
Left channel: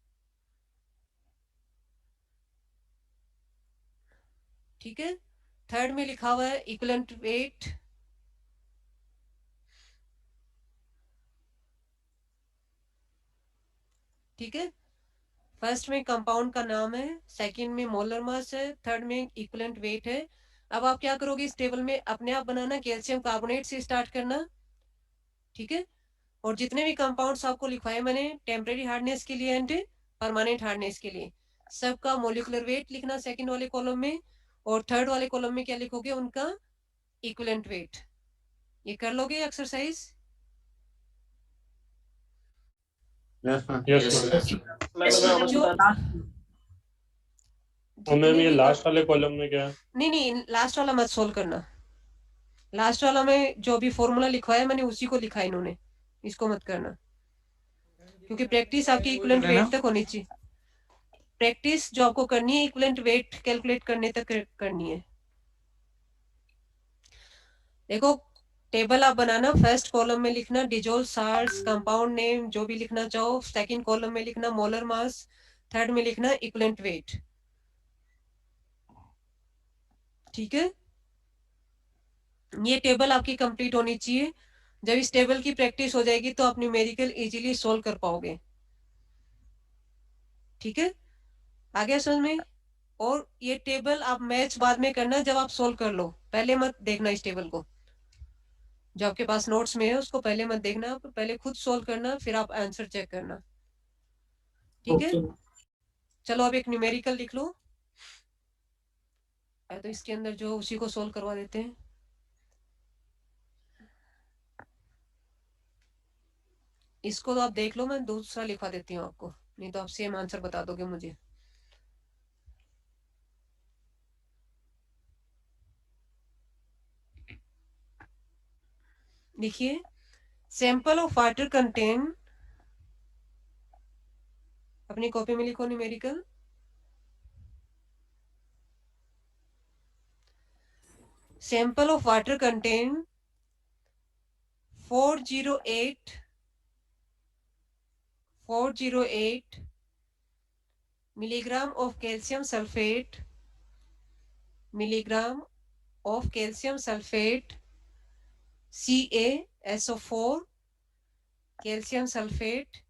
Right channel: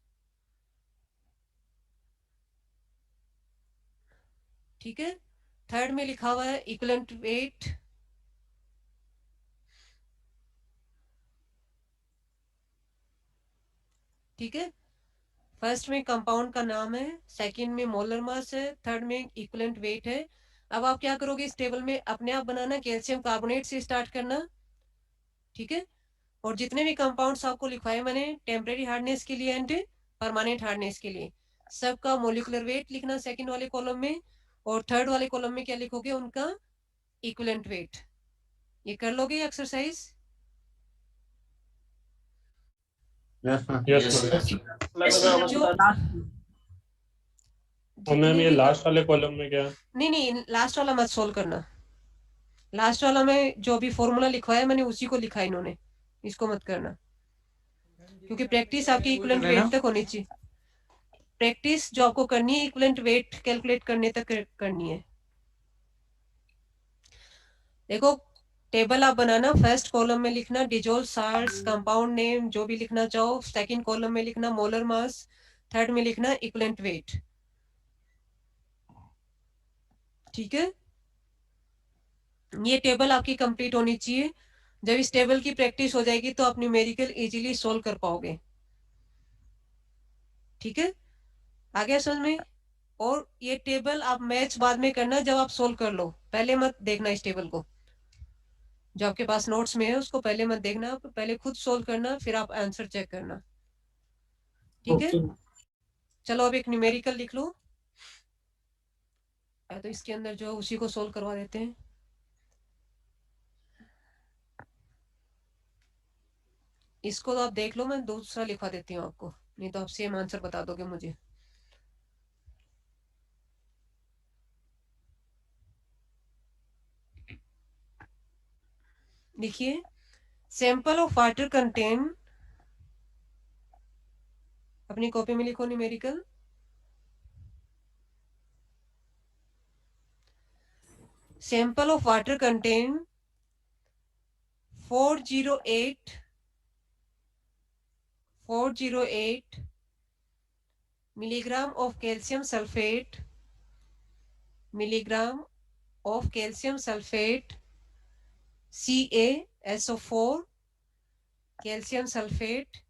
ठीक है, थर्ड में लिखा हुआ है इक्विवेलेंट वेट, ठीक है, फर्स्ट में कंपाउंड का नाम है, सेकंड में मोलर मास है, थर्ड में इक्विवेलेंट वेट है। अब आप क्या करोगे, इस टेबल में अपने आप बनाना, कैल्शियम कार्बोनेट से स्टार्ट करना। ठीक है, और जितने भी कंपाउंड्स आपको लिखवाए मैंने टेम्परेरी हार्डनेस के लिए एंड परमानेंट हार्डनेस के लिए, सबका मोलिकुलर वेट लिखना सेकंड वाले कॉलम में, और थर्ड वाले कॉलम में क्या लिखोगे, उनका इक्विवेलेंट वेट। ये कर लोगे एक्सरसाइज? Yes ma'am. यस मैं अगर जो बता और मैम जितने ये भी लास्ट वाले कॉलम में क्या है? नहीं, लास्ट वाला मत सोल्व करना। लास्ट वाला में जो भी फॉर्मूला लिखवाया है मैंने उसी को लिखा है इन्होंने, इसको मत करना, क्योंकि प्रैक्टिस आपकी इक्विवेलेंट वेट तक होनी चाहिए। प्रैक्टिस जो आपको करनी है इक्विवेलेंट वेट कैलकुलेट करने तक करनी है। देखो, टेबल आप बनाना, फर्स्ट कॉलम में लिखना डिजोल्व साल्ट्स, कंपाउंड नेम जो भी लिखना चाहो, सेकंड कॉलम में लिखना मोलर मास, थर्ड में लिखना इक्विवेलेंट वेट। ठीक है, ये टेबल आपकी कंप्लीट होनी चाहिए। जब इस टेबल की प्रैक्टिस हो जाएगी तो आप न्यूमेरिकल इजीली सोल्व कर पाओगे। ठीक है, आ गया समझ में? और ये टेबल आप मैच बाद में करना जब आप सोल्व कर लो, पहले मत देखना इस टेबल को। जो आपके पास नोट्स में है उसको पहले मत देखना, आप पहले खुद सोल्व करना, फिर आप आंसर चेक करना। ठीक है, चलो अब एक न्यूमेरिकल लिख लो, तो इसके अंदर जो उसी को सोल्व करवा देते हैं। इसको तो आप देख लो, मैं दूसरा लिखवा देती हूँ आपको, नहीं तो आप सेम आंसर बता दोगे मुझे। देखिए, सैंपल ऑफ वाटर कंटेन, अपनी कॉपी में लिखो numerical, sample of water contain 408 milligram of calcium sulfate, milligram of calcium sulfate, CaSO4 calcium sulfate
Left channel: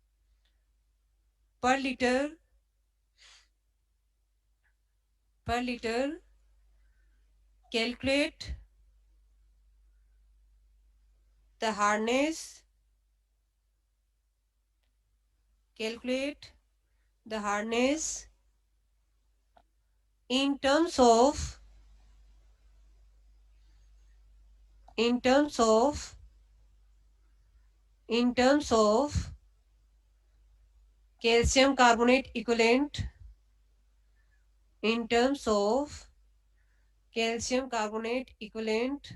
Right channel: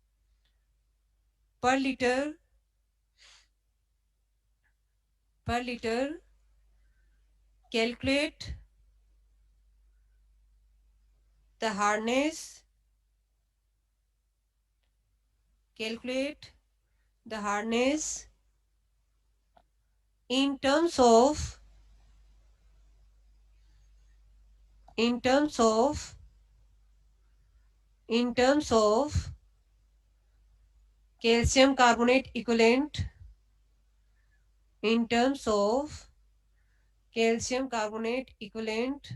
per liter calculate the hardness in terms of calcium carbonate equivalent, in terms of calcium carbonate equivalent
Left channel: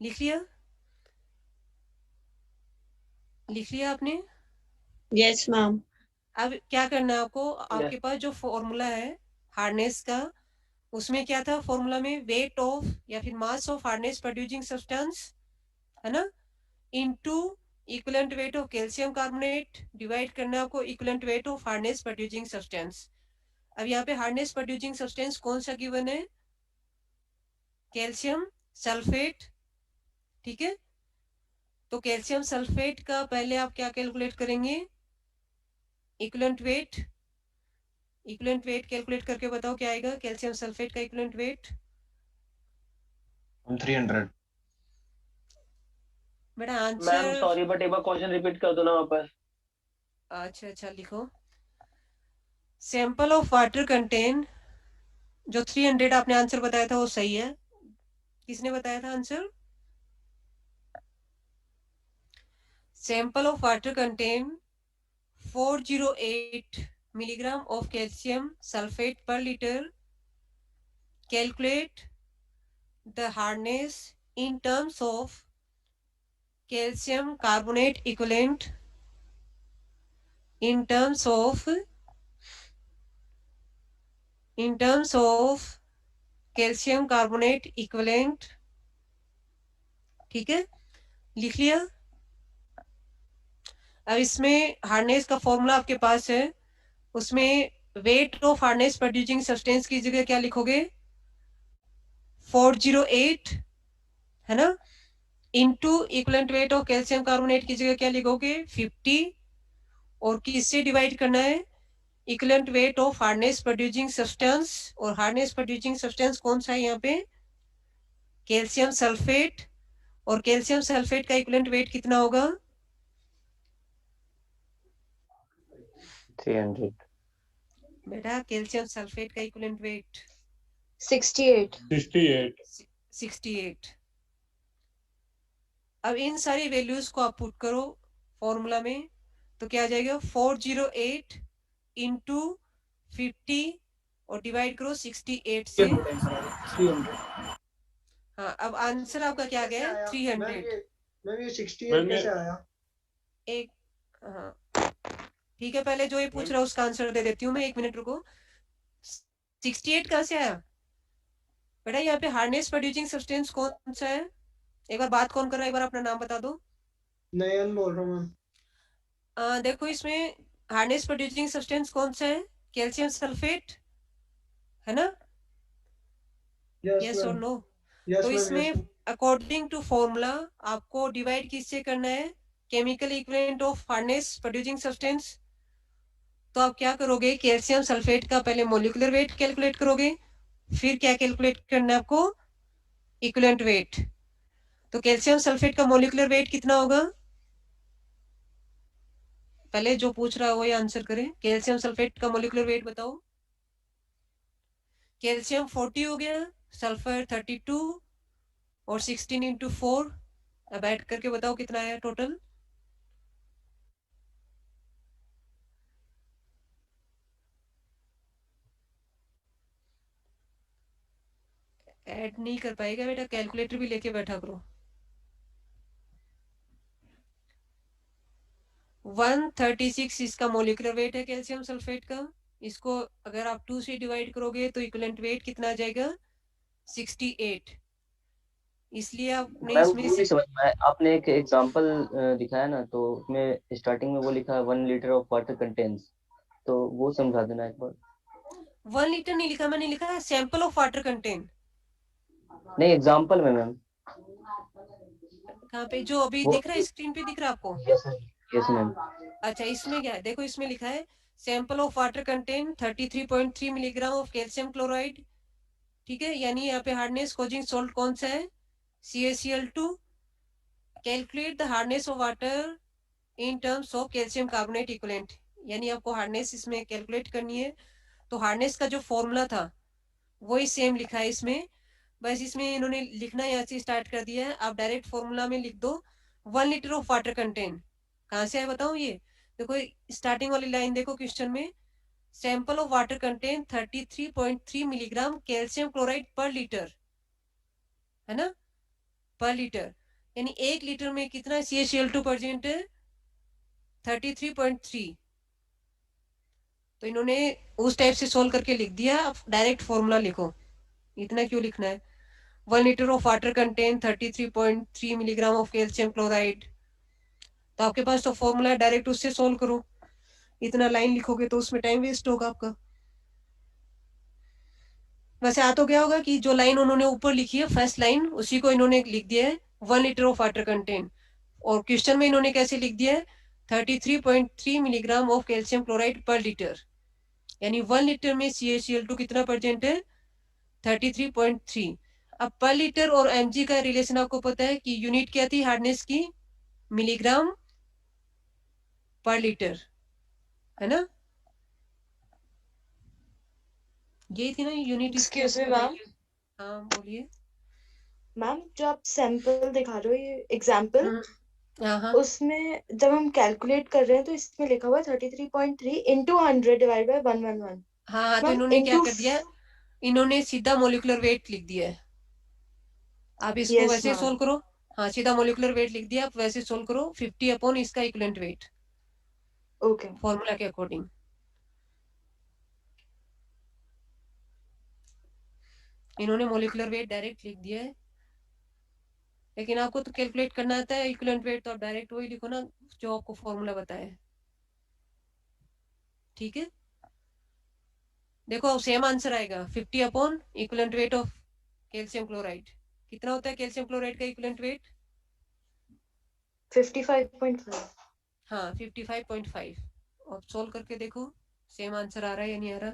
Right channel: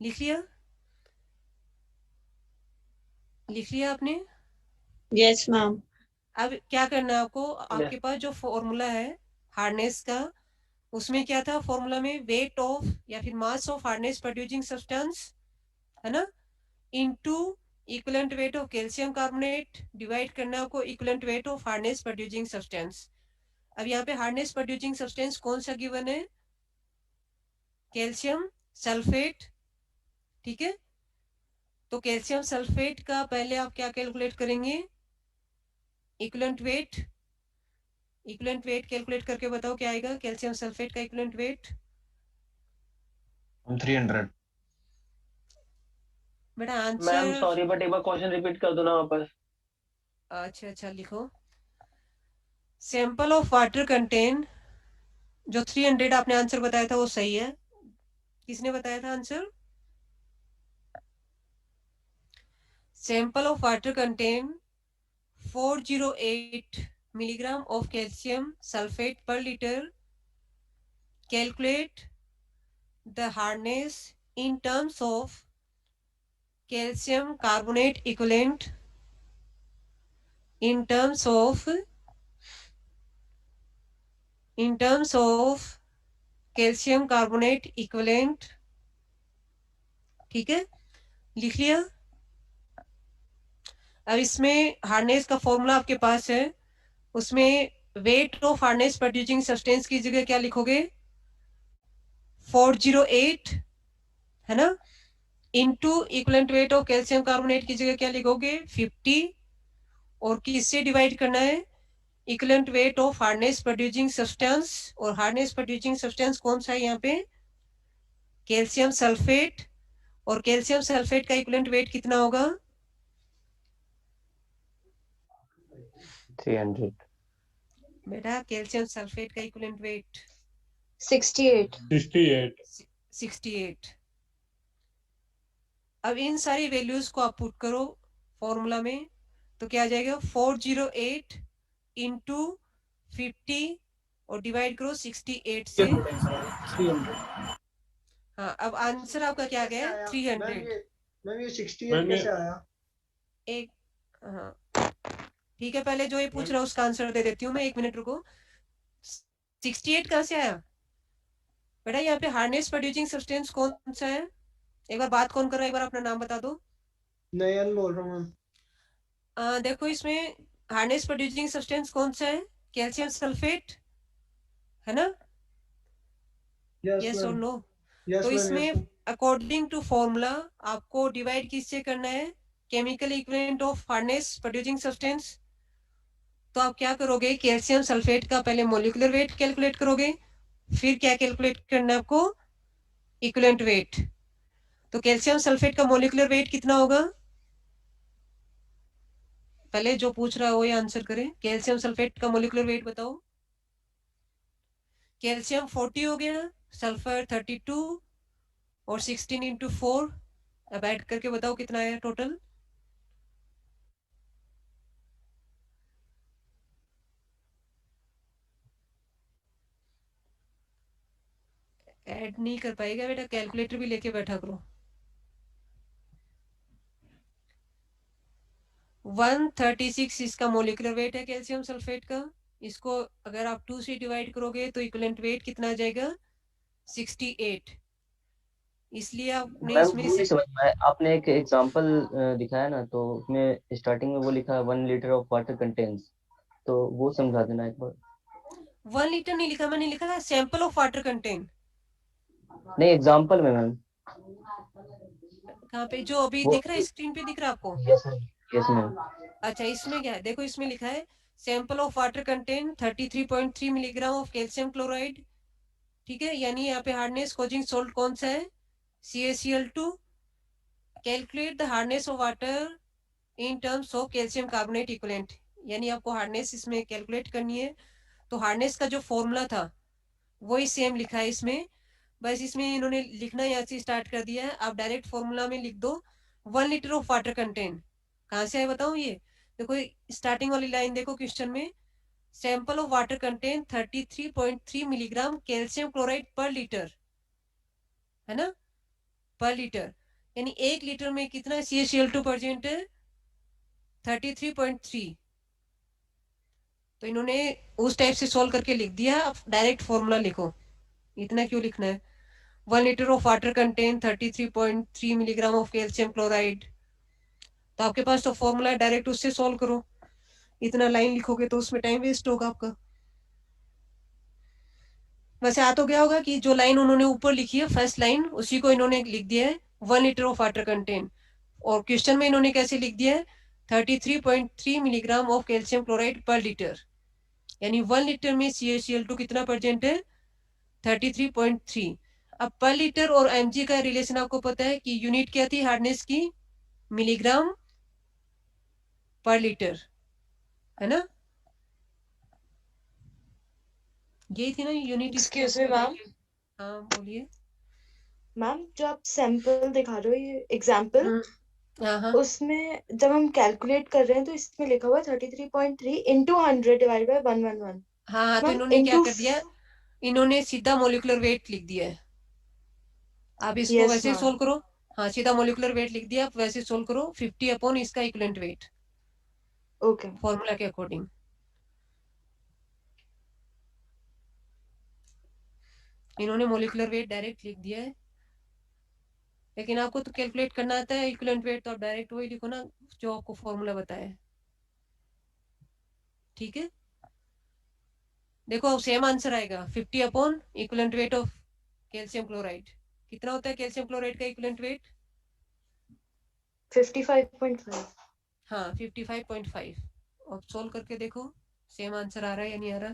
लिख लिया? लिख लिया आपने? Yes ma'am. अब क्या करना है आपको, आपके पास जो फॉर्मूला है हार्डनेस का, उसमें क्या था फॉर्मूला में, वेट ऑफ या फिर mass of hardness producing substance, है ना, into equivalent weight of calcium carbonate divide करना है आपको equivalent weight of hardness producing substance. अब यहाँ पे हार्डनेस प्रोड्यूसिंग सब्सटेंस कौन सा गिवन है? कैल्शियम सल्फेट, ठीक है। तो कैल्शियम सल्फेट का पहले आप क्या कैलकुलेट करेंगे? Equivalent weight. Equivalent weight calculate करके बताओ क्या आएगा कैल्शियम सल्फेट का इक्विवेलेंट वेट? 300. बेटा मैम आंसर, सॉरी बट एक बार क्वेश्चन रिपीट कर दो ना वापस। अच्छा लिखो। सैंपल ऑफ वाटर कंटेन, जो 300 आपने आंसर बताया था वो सही है। किसने बताया था answer? Sample of water contain 408 milligram of calcium sulfate per liter. Calculate the hardness in terms of calcium carbonate equivalent, in terms of calcium carbonate equivalent, ठीक है, लिख लिया? अब इसमें हार्डनेस का फॉर्मूला आपके पास है, उसमें weight of hardness producing substance की जगह क्या लिखोगे? 408, है ना, into equivalent weight of calcium carbonate की जगह क्या लिखोगे? 50, और किससे डिवाइड करना है? Equivalent weight of hardness producing substance, और हार्डनेस प्रोड्यूसिंग सब्सटेंस कौन सा है यहाँ पे? कैल्शियम सल्फेट, और कैल्शियम सल्फेट का इक्विवेलेंट वेट कितना होगा? 300। बेटा कैल्शियम सल्फेट का इक्विवेलेंट वेट 68। 68। अब इन सारी वैल्यूज को आप पुट करो फॉर्मूला में, तो क्या आ जाएगा? 408 इंटू 50 और डिवाइड करो 68 से। हाँ, अब आंसर आपका क्या गया? 300। मैम ये 68 कैसे आया? एक, हाँ ठीक है, पहले जो ये पूछ रहा है उसका आंसर दे देती हूँ मैं, 1 मिनट रुको। 68 कहाँ से आया बेटा? यहाँ पे हार्डनेस प्रोड्यूसिंग सब्सटेंस कौन सा है? एक बार बात कौन कर रहा है, एक बार अपना नाम बता दो। नयन बोल रहा हूँ मैम। देखो इसमें हार्डनेस प्रोड्यूसिंग सब्सटेंस कौन सा है? कैल्शियम सल्फेट, है ना? यस और नो? तो इसमें अकॉर्डिंग टू फॉर्मूला आपको डिवाइड किससे करना है? Chemical equivalent of hardness producing substance. तो आप क्या करोगे? कैल्शियम सल्फेट का पहले मोलिकुलर वेट कैलकुलेट करोगे, फिर क्या कैलकुलेट करना है आपको? Equivalent weight. तो कैल्शियम सल्फेट का मोलिकुलर वेट कितना होगा? पहले जो पूछ रहा है वो ये आंसर करे। कैल्शियम सल्फेट का मोलिकुलर वेट बताओ। कैल्शियम 40 हो गया, सल्फर 32, और 16 इंटू 4, अब ऐड करके बताओ कितना आया टोटल? ऐड नहीं कर पाएगा बेटा, कैलकुलेटर भी लेके बैठा करो। 136 इसका मोलिकुलर वेट है कैल्शियम सल्फेट का। इसको अगर आप 2 से डिवाइड करोगे तो इक्विवेलेंट वेट कितना आ जाएगा? 68। इसलिए आपने मैम इसमें वो नहीं समझ में आया, आपने एक एग्जांपल दिखाया ना, तो उसमें स्टार्टिंग में वो लिखा है 1 लीटर ऑफ वाटर कंटेन्स, तो वो समझा देना एक बार। 1 लीटर नहीं लिखा, मैंने लिखा है सैंपल ऑफ वाटर कंटेन। नहीं, एग्जांपल में मैम। कहाँ पे? जो अभी वो दिख रहा है स्क्रीन पे, दिख रहा है आपको? Yes ma'am. अच्छा, इसमें क्या है देखो, इसमें लिखा है sample of water contain 33.3 milligram of calcium chloride, ठीक है। यानी यहाँ पे हार्डनेस कॉजिंग सॉल्ट कौन सा है? CaCl2। Calculate the hardness of water in terms of calcium carbonate equivalent, यानी आपको हार्डनेस इसमें कैलकुलेट करनी है। तो हार्डनेस का जो फॉर्मूला था वही सेम लिखा है इसमें, बस इसमें इन्होंने लिखना यहाँ से स्टार्ट कर दिया है। आप डायरेक्ट फॉर्मूला में लिख दो 1 लीटर ऑफ वाटर कंटेन। कहाँ से आए बताओ? ये देखो स्टार्टिंग वाली लाइन देखो क्वेश्चन में, sample of water contain 33.3 milligram calcium chloride पर लीटर, है ना? पर लीटर, यानी 1 लीटर में कितना CaCl2 प्रेजेंट है? 33.3। तो इन्होंने उस टाइप से सोल्व करके लिख दिया। अब डायरेक्ट फॉर्मूला लिखो, इतना क्यों लिखना है? 1 litre of water contain 33.3 milligram of calcium chloride. तो आपके पास तो फॉर्मूला है, डायरेक्ट उससे सोल्व करो। इतना लाइन लिखोगे तो उसमें टाइम वेस्ट होगा आपका। वैसे आ तो गया होगा कि जो लाइन उन्होंने ऊपर लिखी है फर्स्ट लाइन, उसी को इन्होंने लिख दिया है 1 लीटर ऑफ वाटर कंटेन, और क्वेश्चन में इन्होंने कैसे लिख दिया है? 33.3 मिलीग्राम ऑफ कैल्शियम क्लोराइड पर लीटर, यानी 1 लीटर में CaCl2 कितना प्रेजेंट है? 33.3। अब पर लीटर और mg का रिलेशन आपको पता है कि यूनिट क्या थी हार्डनेस की? मिलीग्राम पर लीटर, है ना? यही थी ना यूनिट? Excuse me, ma'am. हाँ बोलिए। मैम जो आप सैंपल दिखा रहे हो, ये एग्जाम्पल, हाँ उसमें जब हम कैलकुलेट कर रहे हैं तो इसमें लिखा हुआ है 33.3 इंटू 100 डिवाइड बाय 111। हाँ, तो मैम इन्होंने क्या इंटू, कर दिया? इन्होंने सीधा मोलिकुलर वेट लिख दिया है। आप इसको यस वैसे मैम, सोल्व करो। हाँ, सीधा मोलिकुलर वेट लिख दिया, आप वैसे सोल्व करो। 50 अपॉन इसका इक्विवेलेंट वेट, ओके। फॉर्मूला के अकॉर्डिंग। इन्होंने मोलिकुलर वेट डायरेक्ट लिख दिया है, लेकिन आपको तो कैलकुलेट करना आता है इक्विवेलेंट वेट, तो आप डायरेक्ट वही लिखो ना जो आपको फॉर्मूला बताया है। ठीक है, देखो अब सेम आंसर आएगा। 50 upon equivalent weight of calcium chloride. कितना होता है कैल्शियम क्लोराइड का इक्विवेलेंट वेट? 55.5। हाँ 55.5। अब सोल्व करके देखो सेम आंसर आ रहा है या नहीं आ रहा।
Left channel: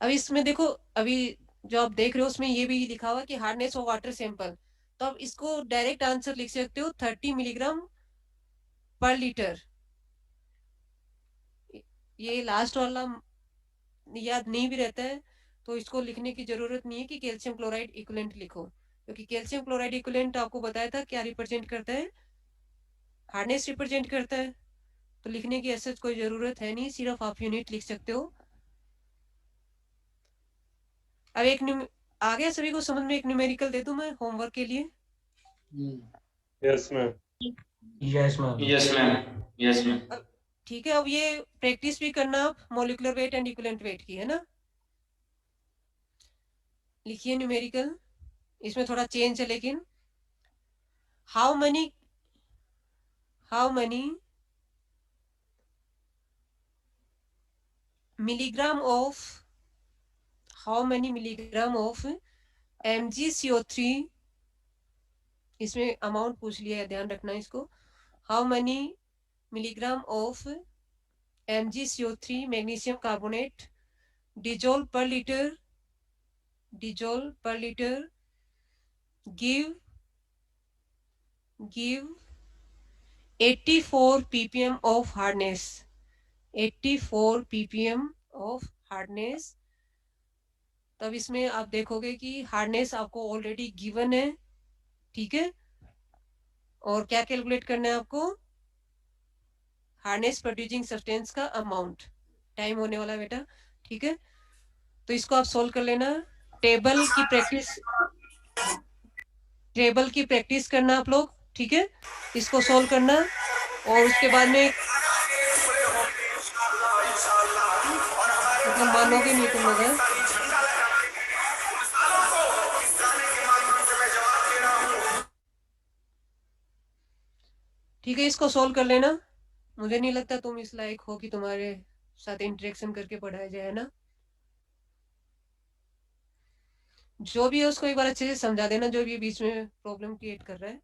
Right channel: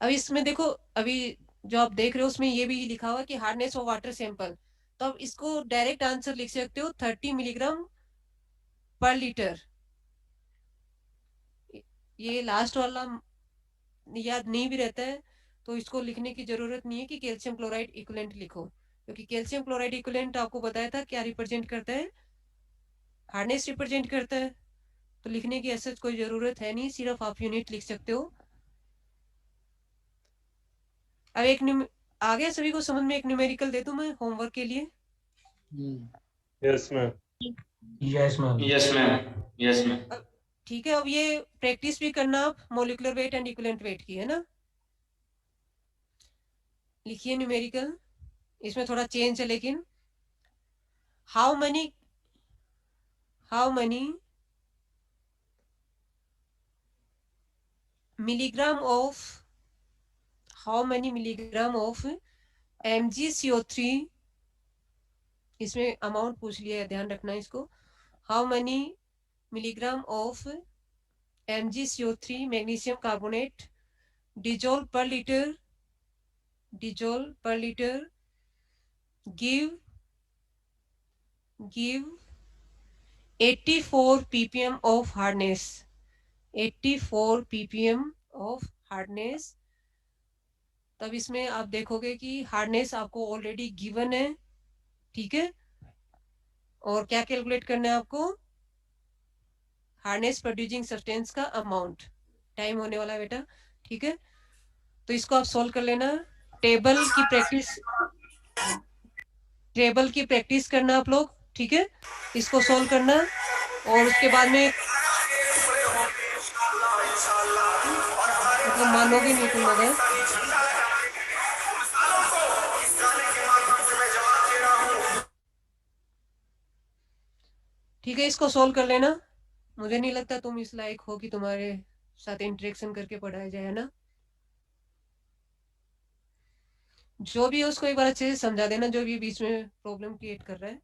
अब इसमें देखो, अभी जो आप देख रहे हो उसमें ये भी लिखा हुआ कि हार्डनेस ऑफ वाटर सैंपल, तो आप इसको डायरेक्ट आंसर लिख सकते हो 30 मिलीग्राम पर लीटर। ये लास्ट वाला याद नहीं भी रहता है तो इसको लिखने की जरूरत नहीं है कि कैल्शियम क्लोराइड इक्विवेलेंट लिखो, क्योंकि कैल्शियम क्लोराइड इक्विवेलेंट आपको बताया था क्या रिप्रेजेंट करता है? हार्डनेस रिप्रेजेंट करता है। तो लिखने की ऐसा कोई जरूरत है नहीं, सिर्फ आप यूनिट लिख सकते हो। अब एक आ गया सभी को समझ में? एक न्यूमेरिकल दे दूं मैं होमवर्क के लिए? Yes, ma'am. Yes, ma'am. Yes ma'am, yes ma'am. ठीक है, अब ये प्रैक्टिस भी करना आप molecular weight and equivalent weight की, है ना? लिखिए न्यूमेरिकल, इसमें थोड़ा चेंज है लेकिन। How many milligram of MgCO3, इसमें अमाउंट पूछ लिया है, ध्यान रखना इसको। How many milligram of MgCO3 magnesium carbonate dissolve पर litre give 84 ppm of hardness, 84 ppm of hardness। तब इसमें आप देखोगे कि हार्डनेस आपको ऑलरेडी गिवन है, ठीक है? और क्या कैलकुलेट करना है आपको? हार्डनेस प्रोड्यूसिंग सब्सटेंस का अमाउंट। टाइम होने वाला बेटा, ठीक है? तो इसको आप सोल्व कर लेना। टेबल की प्रैक्टिस करना आप लोग, ठीक है? इसको सोल्व करना, और उसके बाद में मतलब मानोगे नहीं तुम लोग, हैं? ठीक है, इसको सोल्व कर लेना। मुझे नहीं लगता तुम इस लायक हो कि तुम्हारे साथ इंटरेक्शन करके पढ़ाया जाए, ना? जो भी है उसको एक बार अच्छे से समझा देना, जो भी बीच में प्रॉब्लम क्रिएट कर रहा है।